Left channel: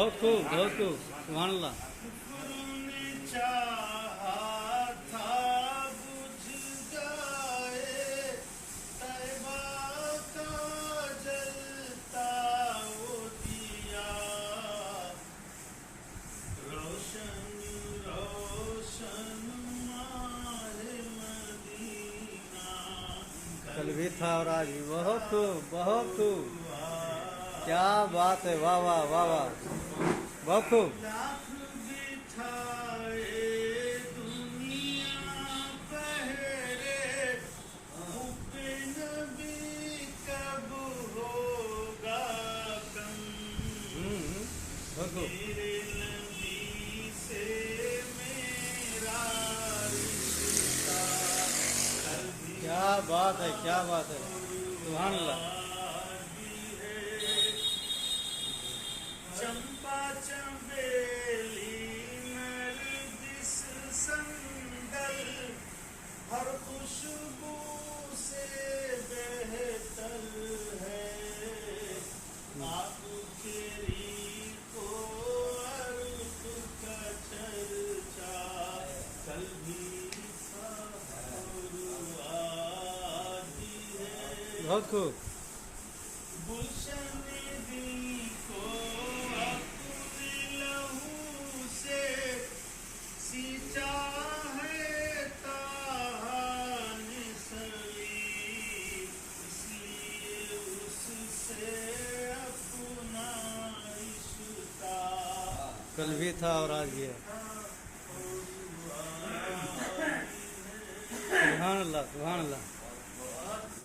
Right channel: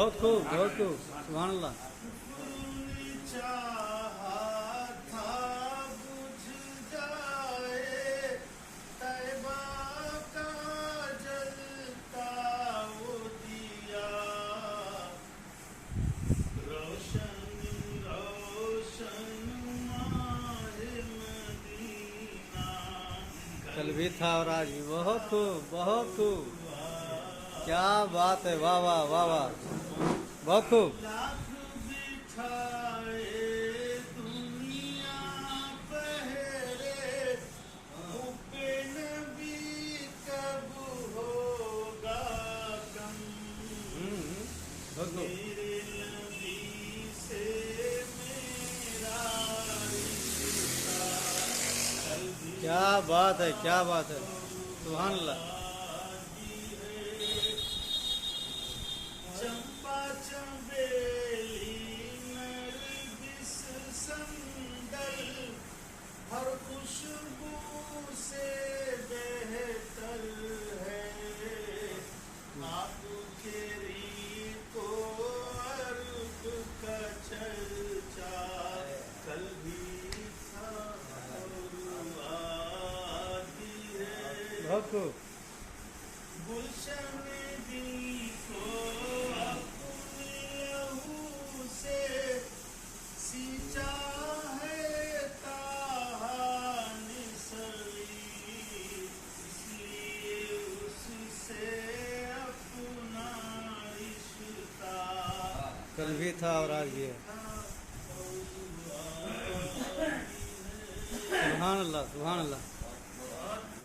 بہت خوب بہت خوب سبحان اللہ. کل بھی تھا اور آج بھی. بہت خوب بہت خوب. کیا بات ہے. واہ واہ واہ واہ. بہت خوب. کیا بات ہے کیا بات ہے. سبحان اللہ. چمپا چنبیلی نرگس سندل ہر خوشبو سے بہتر ہے. آپ کے ریح کو عرب کا چرچا کل بھی تھا اور آج بھی ہے. بہت خوب. گلشن دل کو اپنے لہو سے سینچا ہے تاہا نثری. اس لیے اس سے اپنا رشتہ کل بھی تھا اور آج بھی ہے. سبحان اللہ سبحان اللہ.